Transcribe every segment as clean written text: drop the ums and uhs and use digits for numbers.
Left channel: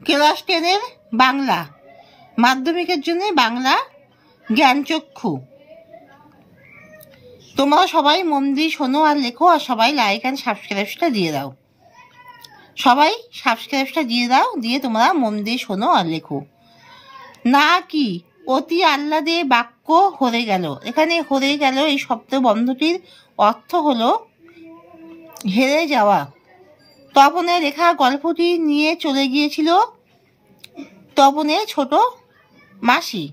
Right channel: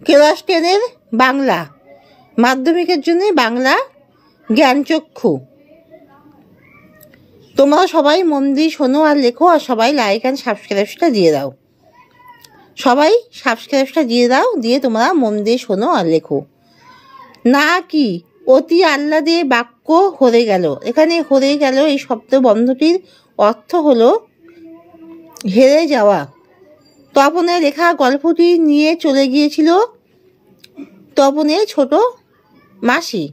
Class 10-এর Bangla মাধ্যমিকের জন্য বাংলা জ্ঞানচক্ষু। তোমরা সবাই মন দিয়ে শোনো আর লেখো, আর সবাই লাইক অ্যান্ড সাবস্ক্রাইবটা দিয়ে দাও। সবাই সাবস্ক্রাইবটা দিয়ে দাও, দিয়ে তোমরা মন দিয়ে শোনো আর লেখো। না কি অতি আহ্লাদে বাক্য হরে গেল। এখানে হরে গেল এই শব্দ বন্ধটির অর্থ হলো হেরে যাওয়া। তপনের লেখা গল্পটি নিয়ে চলে গিয়েছিল তপনের ছোট মাসি,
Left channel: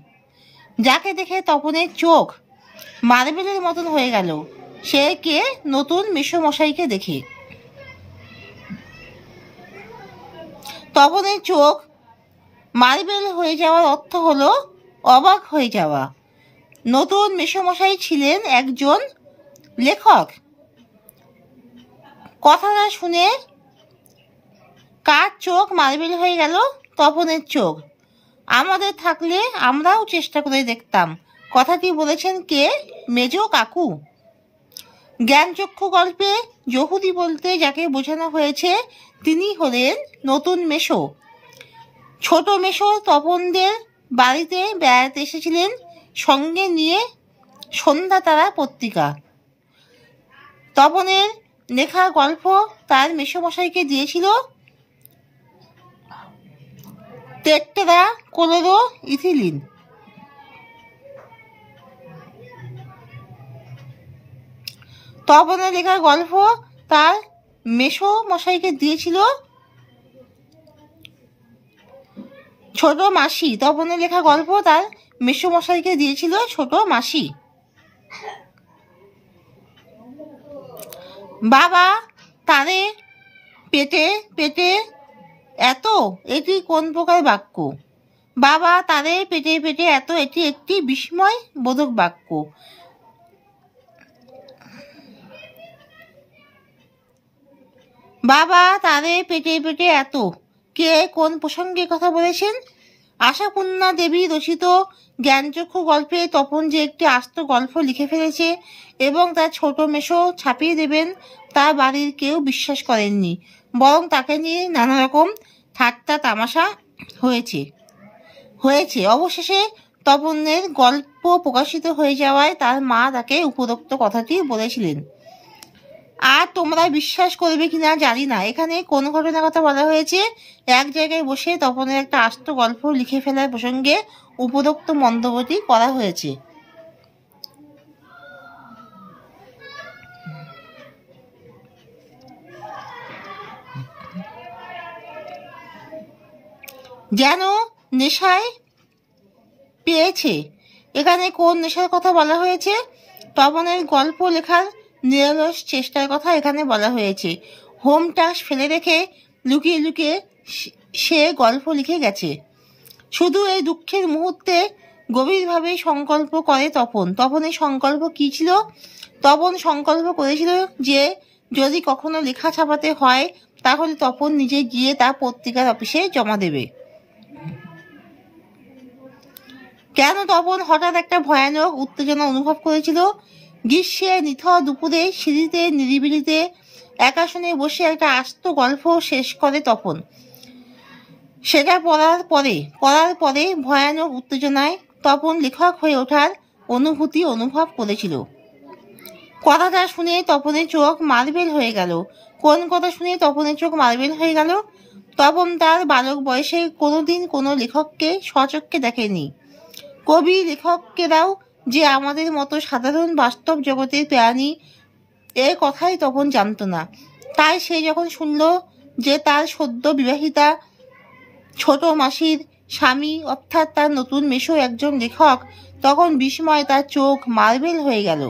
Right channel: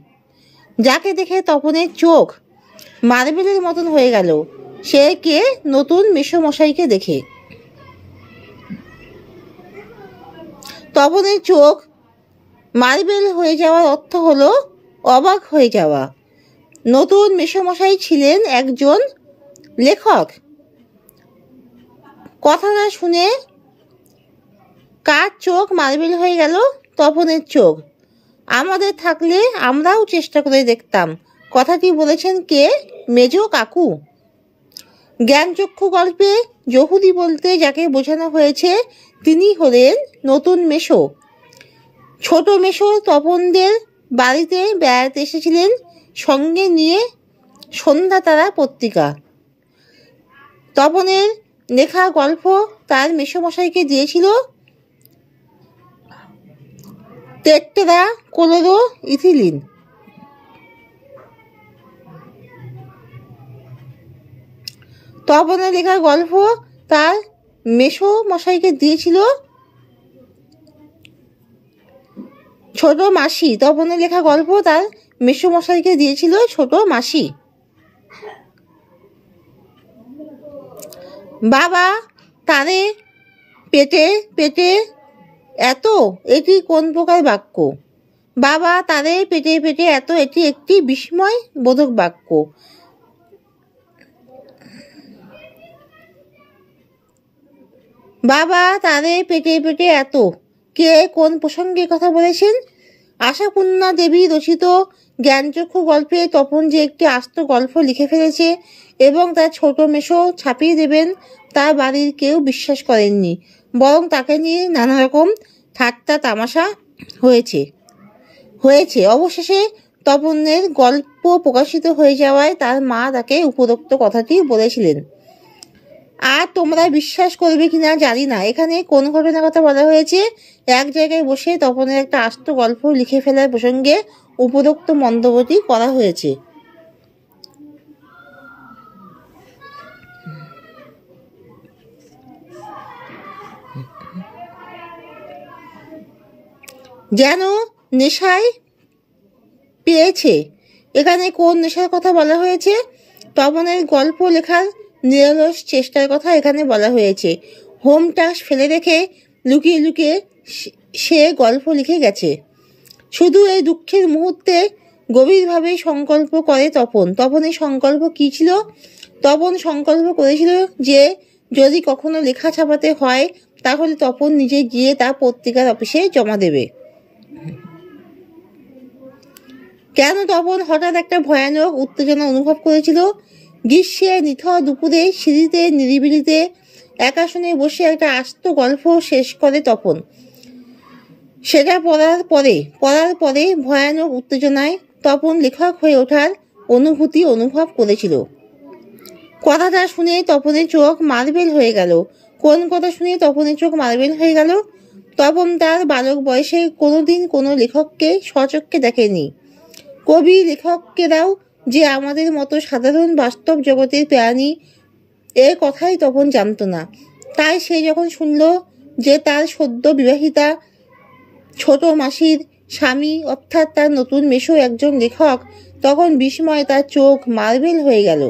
যাকে দেখে তপনের চোখ মার্বেলের মতন হয়ে গেল। সে কে? নতুন মেসোমশাইকে দেখে। তপনের চোখ মার্বেল হয়ে যাওয়ার অর্থ হলো অবাক হয়ে যাওয়া। নতুন মেসোমশাই ছিলেন একজন লেখক। কথাটা শুনে কার চোখ মার্বেল হয়ে গেল? তপনের চোখ। আমাদের থাকলে আমরাও চেষ্টা করে দেখতাম। কথাটি বলেছেন কে? মেজ কাকু। জ্ঞানচক্ষু গল্পে যহুদি বলতে যাকে বোঝানো হয়েছে তিনি হলেন নতুন মেসো। ছোট মেসো তপনদের বাড়িতে বেড়াতে এসেছিলেন, সঙ্গে নিয়ে সন্ধ্যা তারা পত্রিকা। তপনের লেখা গল্প তার মেসোমশাইকে দিয়েছিল টেট্রা ক্লোরো ইথিলিন। তপনের লেখা গল্প তার মেসোমশাইকে দিয়েছিল ছোট মাসি। তপনের লেখা গল্প তার মেসোমশাইকে দিয়েছিল ছোট মাসি। বাবা তারে পেটে পেটে এত, এটি কোন প্রকার বাক্য? বাবা তারে পেটে পেটে এত, এটি একটি বিস্ময় বোধক বাক্য। বাবা তারে পেটে পেটে এত, কে কোন প্রসঙ্গে কথা বলেছেন? আশাপূর্ণা দেবী রচিত জ্ঞানচক্ষু গল্পে তপন যে একটি আস্ত গল্প লিখে ফেলেছে এবং তার ছোট মেসো ছাপিয়ে দেবেন তার বাড়ির কেউ বিশ্বাস করেননি, বরং তাকে নিয়ে নানা রকম ঠাট্টা তামাশা হয়েছে। অবশেষে তপনের গল্প প্রকাশিত হয়ে যাওয়ায় তার মা তাকে উপরোক্ত কথাটি বলেছিলেন। আর তোমরা বিশ্বাস করবে কিনা জানি না, এখানে কোন ঘটনার কথা বলা হয়েছে? এক জায়গায় বসে তপনের একটা আস্ত গল্প লিখে ফেলার প্রসঙ্গে উপরোক্ত মন্তব্যটি করা হয়েছে। যেন নেশায় পেয়েছে। এখানে কোন নেশার কথা বলা হয়েছে? তপনের গল্প লেখার নিরলস চেষ্টার কথা এখানে বলা হয়েছে। হোম টাস্ক ফেলে রেখে লুকিয়ে লুকিয়ে সে গল্প লিখে গেছে। শুধু এই দুঃখের মুহূর্তে গভীরভাবে সংকল্প করে তপন। তপনের সংকল্প কি ছিল? তপন সংকল্প করেছিল যে যদি কখনো লেখা ছাপাতে হয় তাহলে তপন নিজে গিয়ে তা পত্রিকার অফিসে জমা দেবে। কেন তপন হঠাৎ একটা ভয়ানক উত্তেজনা অনুভব করেছিল? গ্রীষ্মের নিথর দুপুরে সিঁড়িতে নিরিবিলিতে একা শুনে বসে একটা আস্ত গল্প শেষ করে তপন। সেটা পড়ার পরে ভয়ানক উত্তেজনায় তপন লেখক হয়ে ওঠার অনুভূতি অনুভব করেছিল। কথাটা শুনে তপনের চোখ মার্বেল হয়ে গেল। কোন কথা শুনে তপনের চোখ মার্বেল হয়ে গেল? তপন তার বালক বয়সে কোনোদিন কোনো লেখককে স্বচক্ষে দেখেনি। কবি লেখকেরাও যে আমাদের মতো সাধারণ বাস্তব জগতের প্রাণী এর কথাই তপন জানত না। তাই সে যখন শুনল যে তার সদ্য বিবাহিতা ছোট মাসির স্বামী অর্থাৎ তার নতুন মেসো একজন লেখক, তখন বিস্ময়ে তার চোখ মার্বেল হয়ে গেল।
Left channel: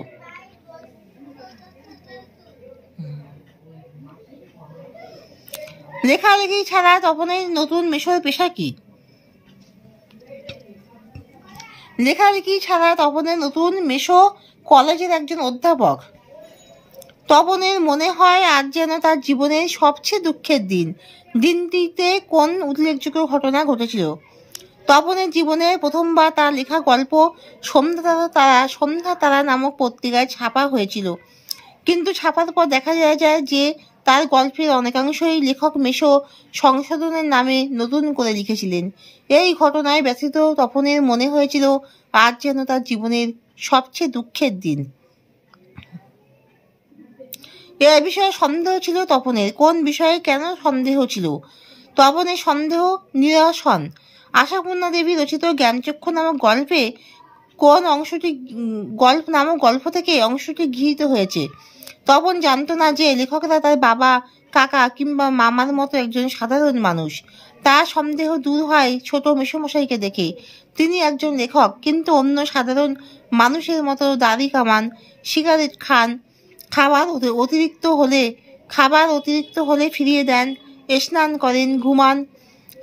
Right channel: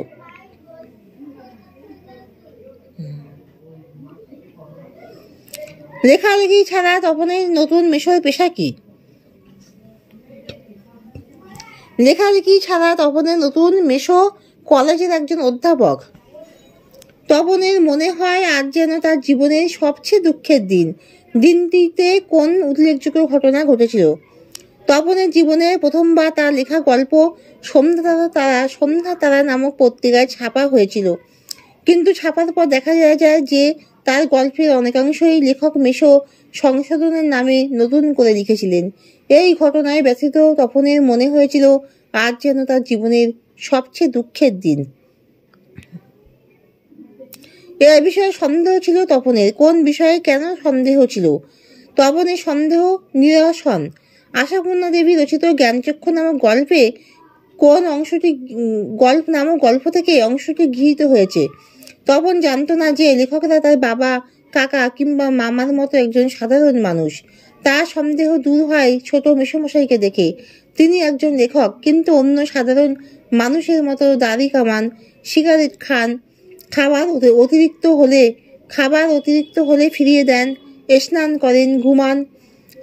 লেখালেখি ছাড়া তপনের নতুন মেসোর পেশা কি? লেখালেখি ছাড়া তপনের নতুন মেসো কলেজের একজন অধ্যাপক। তপনের মনে হয় আজ যেন তার জীবনের সবচেয়ে দুঃখের দিন। দিনটিতে কোন উল্লেখযোগ্য ঘটনা ঘটেছিল? তপনের জীবনে প্রথমবার তার লেখা গল্প সন্ধ্যা তারা নামক পত্রিকায় ছাপা হয়েছিল, কিন্তু ছাপার পর দেখা যায় যে তার গল্পের অনেকাংশই লেখক মেশো সংশোধনের নামে নতুন করে লিখেছিলেন। এই ঘটনায় ব্যথিত তপনের মনে হয়েছিল আজ যেন তার জীবনের সবচেয়ে দুঃখের দিন। এ বিষয়ে সন্দেহ ছিল তপনের। কোন বিষয়ে কেন সন্দেহ ছিল? তপনের সন্দেহ নিরসন আশাপূর্ণা দেবী রচিত জ্ঞানচক্ষু নামক গল্পে কোন অংশটি গল্প থেকে অংশটি গৃহীত হয়েছে। তপন জানতো না যে লেখকরা তার বাবা, কাকা কিংবা মামার মতো একজন সাধারণ মানুষ। তার সন্দেহ দূর হয় ছোট মেসোমশাইকে দেখে। তিনি একজন লেখক, কিন্তু অন্য সাধারণ মানুষের মতো দাড়ি কামান, সিগারেট খান, খাবার অতিরিক্ত হলে ফিরিয়ে দেন, স্নান করেন, ঘুমান,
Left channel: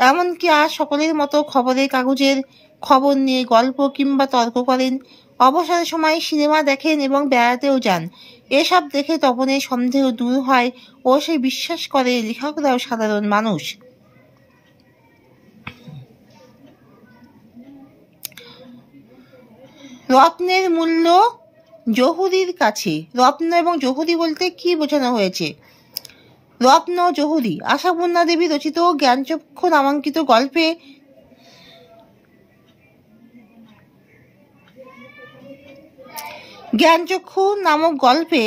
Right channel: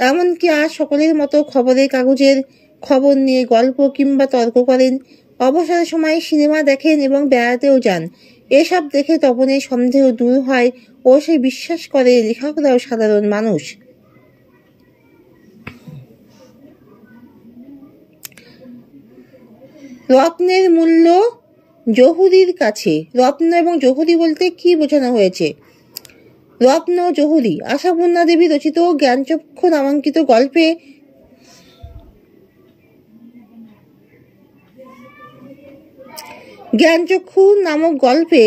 এমনকি আর সকলের মতো খবরের কাগজের খবর নিয়ে গল্প কিংবা তর্ক করেন। অবসরের সময় সিনেমা দেখেন এবং বেড়াতেও যান। এসব দেখে তপনের সন্দেহ দূর হয় ও সে বিশ্বাস করে লেখকরাও সাধারণ মানুষ। রত্নের মূল্য জহুরির কাছে। রত্ন এবং জহুরি বলতে কি বোঝানো হয়েছে? রত্ন জহুরি আশাপূর্ণা দেবী রচিত জ্ঞানচক্ষু নামাঙ্কিত গল্পে জ্ঞানচক্ষু নামক গল্পে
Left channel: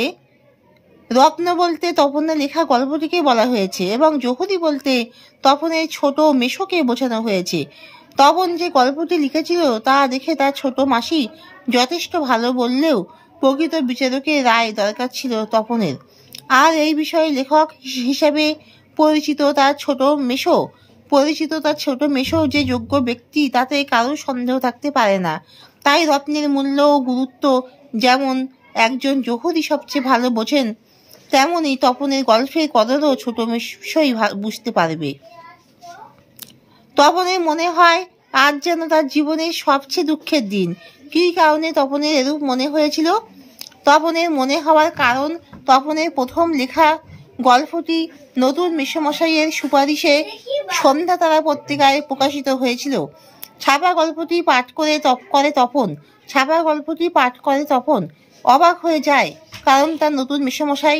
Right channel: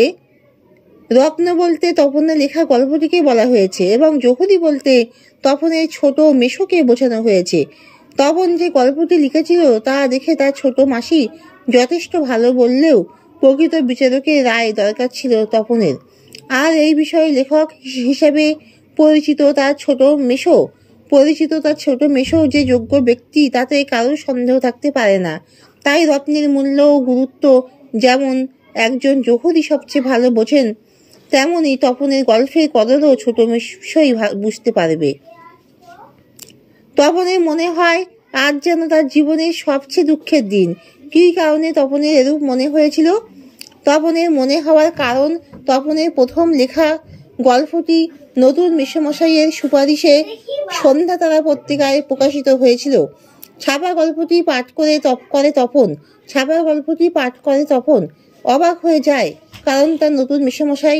রত্ন বলতে তপনের লেখা গল্পটিকে বলা হয়েছে এবং জহুরি বলতে তপনের ছোট মেশোকে বোঝানো হয়েছে। তপন যে গল্পটি লিখেছিল তা দেখে তার ছোট মাসি যথেষ্ট ভালো বললেও প্রকৃত বিচারকের রায় দরকার ছিল তপনের। আর এই বিষয়ে লেখক হিসেবে পরিচিত তার ছোট মেশো যে যোগ্য ব্যক্তি তাতে কারোর সন্দেহ থাকতে পারে না। তাই রত্নের মূল্য ও গুরুত্ব যেমন একজন জহুরি সবচেয়ে ভালো বোঝেন, তেমনি তপনের গল্পের কদরও ছোট মেশোই বুঝতে পারবে। তপনের মনে হয় আজ যেন তার জীবনের সবচেয়ে দুঃখের দিন। কী কারণে তপনের এরূপ মনে হয়েছিল? তপনের মনে হওয়ার কারণ, তপনের প্রথম লেখা গল্পটি নতুন মেসোমশাইয়ের সুপারিশে সন্ধ্যা তারা পত্রিকায় প্রকাশিত হয়েছিল। ছাপা গল্পটি পাঠ করে তপন অবাক হয়ে যায়, কারণ তার নতুন মেসোমশাই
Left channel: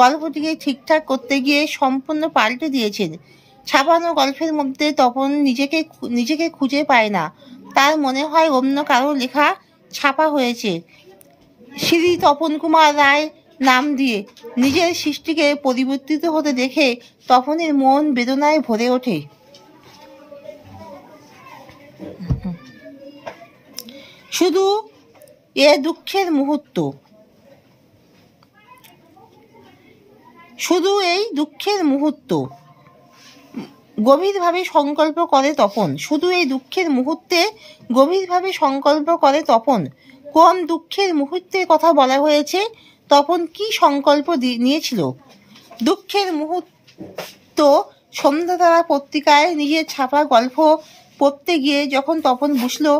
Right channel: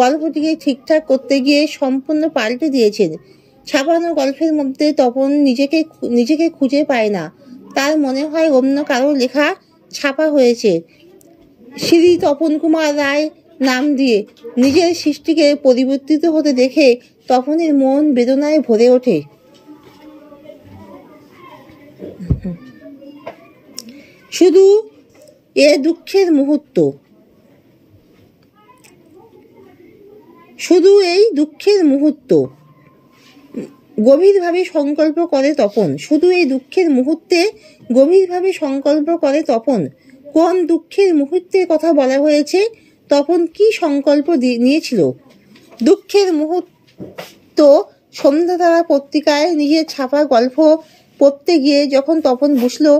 গল্পটিকে ঠিকঠাক করতে গিয়ে সম্পূর্ণ পাল্টে দিয়েছেন। ছাপানো গল্পের মধ্যে তপন নিজেকে খুঁজে পায় না। তার মনে হয় অন্য কারো লেখা ছাপা হয়েছে। শ্রী তপন কুমার রায় নাম দিয়ে নিজের সৃষ্টিকে পরিবর্তিত হতে দেখে তপনের মন বেদনায় ভরে ওঠে। শুধু এই দুঃখের মুহূর্ত গভীরভাবে সংকল্প করে তপন। কোন দুঃখের মুহূর্তের কথা বলা হয়েছে? তপন কি সংকল্প নিয়েছিল? দুঃখের মুহূর্ত সন্ধ্যাতারা পত্রিকায় নিজের ছাপা গল্প পড়তে গিয়ে যখন তপন বুঝলো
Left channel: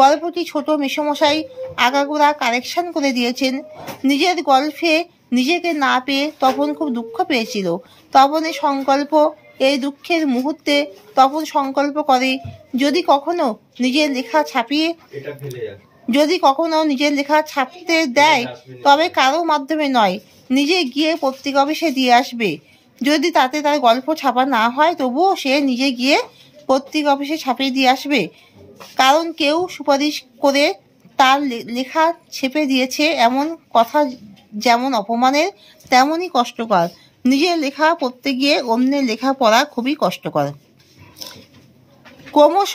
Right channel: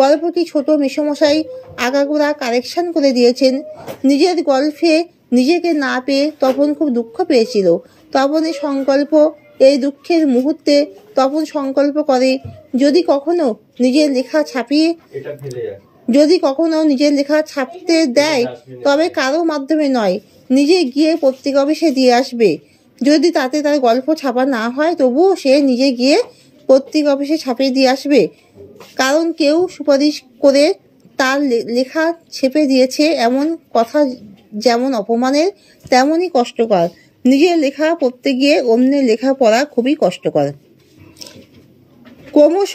গল্পটি ছোট মেসোমশাই আগাগোড়া কারেকশন করে দিয়েছেন, নিজের গল্পে নিজেকে না পেয়ে তপন খুব দুঃখ পেয়েছিল। তপনের সংকল্প, এই দুঃখের মুহূর্তে তপন সংকল্প করে যদি কখনো নিজের লেখা ছাপতে দেয় তবে কারোর মাধ্যমে নয়, নিজে গিয়ে পত্রিকা অফিসে দিয়ে আসবে। যদি তাতে তার গল্প ছাপা না হয় তবুও সে নিজে গিয়ে পত্রিকা অফিসে ছাপিয়ে দিয়ে আসবে, কারণ কেউ সুপারিশ করে তার লেখা ছেপে দিয়েছে এমন কথা যেমন অপমানের তেমনই কষ্টকর। নিজের লেখা পড়তে গিয়ে অন্যের লেখা পড়া খুবই কষ্টকর। ক্রমশ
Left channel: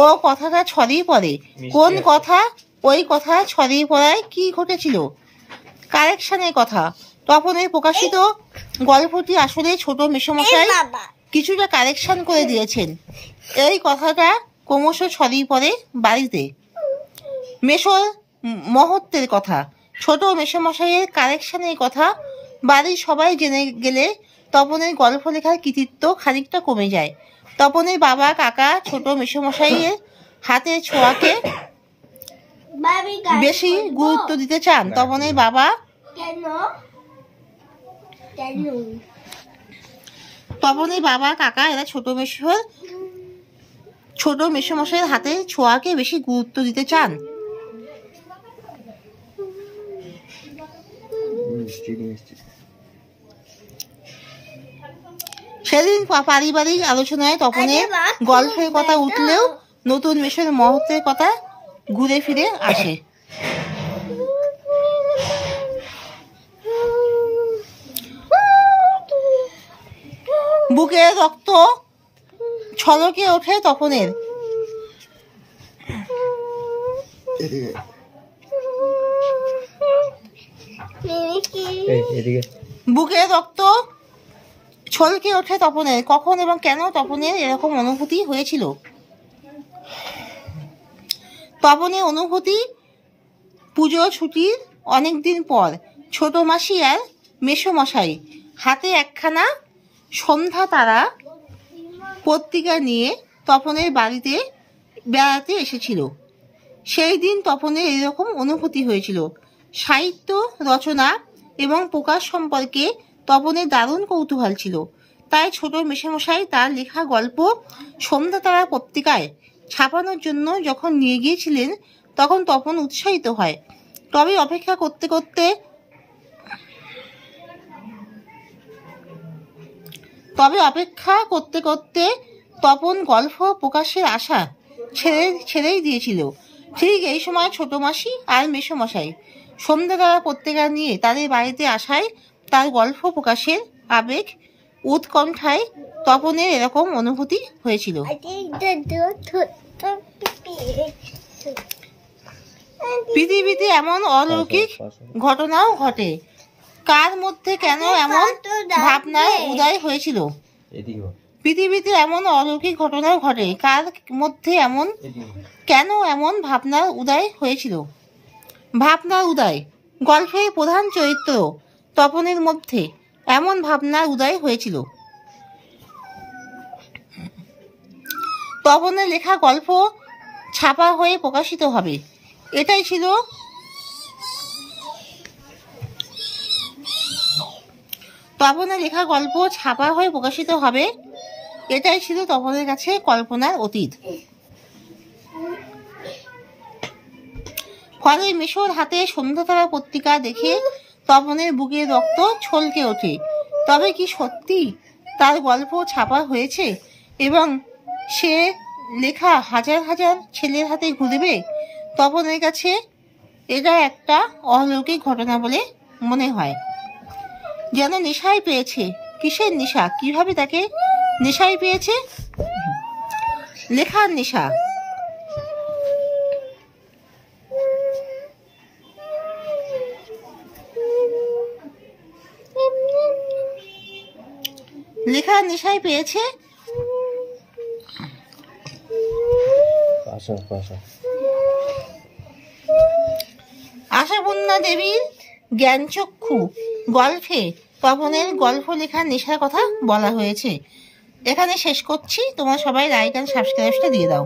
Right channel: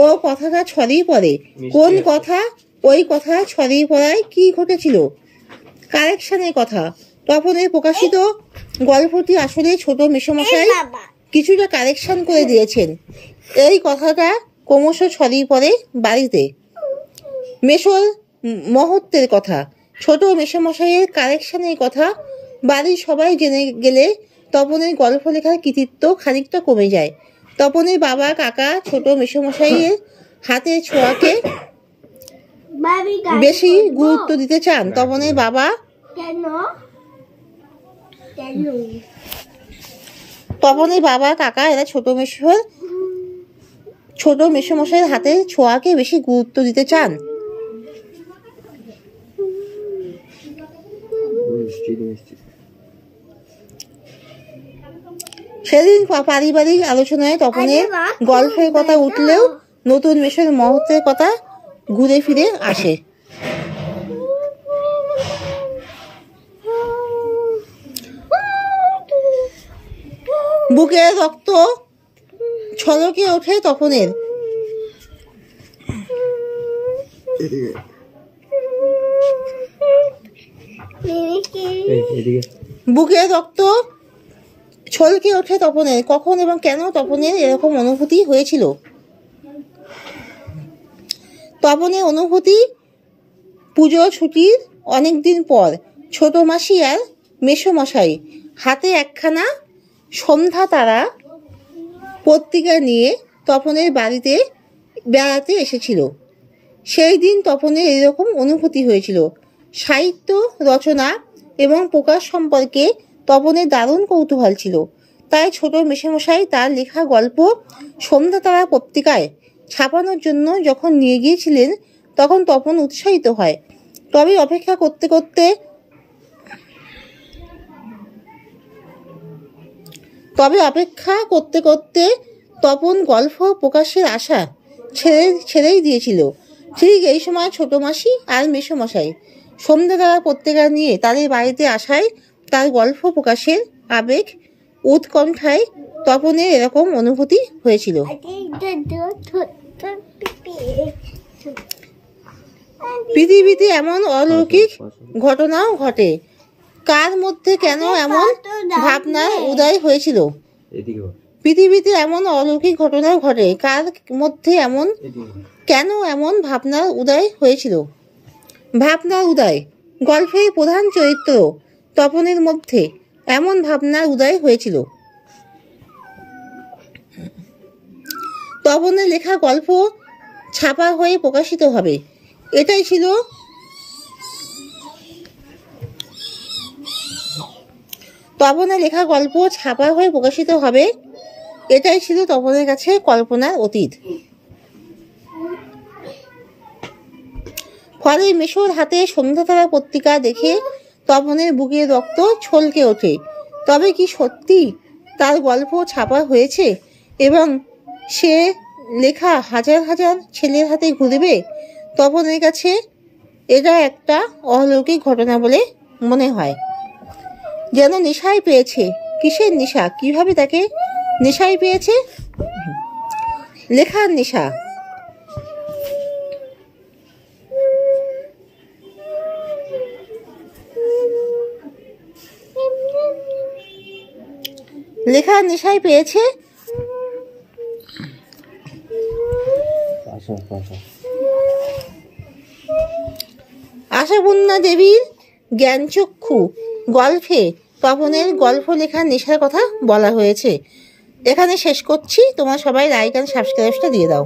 ও কথাটা ছড়িয়ে পড়ে। কোন কথা? ওই কথা ছড়িয়ে পড়ায় কি ঘটেছিল? কারেকশনের কথা। তপনের প্রকাশিত গল্পটি আসলে ছোট মেসোমশাই কিছুটা কারেকশন করে দিয়েছেন, এই কথাটা ক্রমশ ছড়িয়ে পড়ে বাড়িতে। মেসোর মহত্বের কথা, ছোট মেসোমশাইয়ের কারেকশনের কথা বাড়ির সবাই জেনে গেলে তপনের গল্প লেখার কৃতিত্ব খানিকটা কমে যায়। তপনের বাবা, কাকা ছোট মেসোমশাইয়ের হাতের ছোঁয়াকে বেশি গুরুত্ব দিতে চান। তপনের বাবা, কাকা এরা ছোট মেসোমশাইয়ের হাতের ছোঁয়াকে বেশি গুরুত্ব দিতে চান। সেদিন পারিবারিক আলোচনায় তপনের গল্পের কথা উঠলেও নতুন মেশোর মুহূর্তের কথা ঘুরে ফিরে আসে। বুকের রক্ত ছলকে ওঠে তপনের। বুকের রক্ত ছলকে ওঠে তপনের। কখন এবং কেন তপনের এরকম অনুভূতি হয়েছিল? তপনের অনুভূতি পুজোর ছুটির অনেকদিন পর ছোট মাসি আর মেসোমশাই হাতে একখানা সন্ধ্যা তারা পত্রিকা নিয়ে তপনের বাড়িতে বেড়াতে এসেছিল। সেই দিন তপনের এরকম অনুভূতি হয়েছিল। সাহিত্য রচনা এবং প্রকাশ সম্পর্কে তপনের দারুণ কৌতূহল ছিল। তাই ছোট মেসোমশাই তার লেখা গল্প সন্ধ্যা তারা পত্রিকায় ছাপানোর জন্য যখন নিয়ে গিয়েছিলেন তখন তপন উৎসাহিত হয়। তবে অপেক্ষা করতে করতে তপন গল্প প্রকাশের আশা ছেড়েই দিয়েছিল। ঠিক এই সময় ছোট মাসি আর মেসোমশাই সন্ধ্যা তারা পত্রিকা নিয়ে তাদের বাড়িতে আসায় তার গল্প প্রকাশের আবেগ উৎকণ্ঠায় তপনের এরকম অনুভূতি হয়েছিল। পৃথিবীতে এমন অলৌকিক ঘটনাও ঘটে। কার মধ্যে কেন এমন ভাবনার উদয় হয়েছিল? পৃথিবীতে এমন অলৌকিক ঘটনাও ঘটে। কার মধ্যে কেন এমন ভাবনার উদয় হয়েছিল? ভাবনার উদয়। গল্পের প্রধান চরিত্র তপনের মধ্যে এমন ভাবনার উদয় হয়েছিল। তপনের লেখা গল্প ছাপা হয়ে প্রকাশিত হবে, এটাই ছিল তপনের লেখা গল্প ছাপা হয়ে প্রকাশিত হবে এটাই ছিল তপনের কাছে কল্পনার অতীত। ফলে মেশোর হাতে সন্ধ্যা তারা পত্রিকা দেখে তপনের বুকের রক্ত ছলকে ওঠে। তবে কি সত্যি তার গল্প ছাপা হয়েছে এবং সে লেখা হাজার হাজার ছেলের হাতে ঘুরবে? তপনের কাছে এটা একটা অলৌকিক ঘটনা বলে মনে হয়। যেন নেশায় পেয়েছে। কিসের নেশা? কিভাবে তাকে নেশায় পেয়েছে? লেখার নেশা। লেখার নেশায় পেয়েছে। আশাপূর্ণা দেবীর জ্ঞানচক্ষু গল্পে তপনের গল্প লেখার নেশার কথা বলা হয়েছে। এখানে শেষ করছি। তোমরা সবাই লাইক এন্ড সাবস্ক্রাইবটা দিয়ে দাও।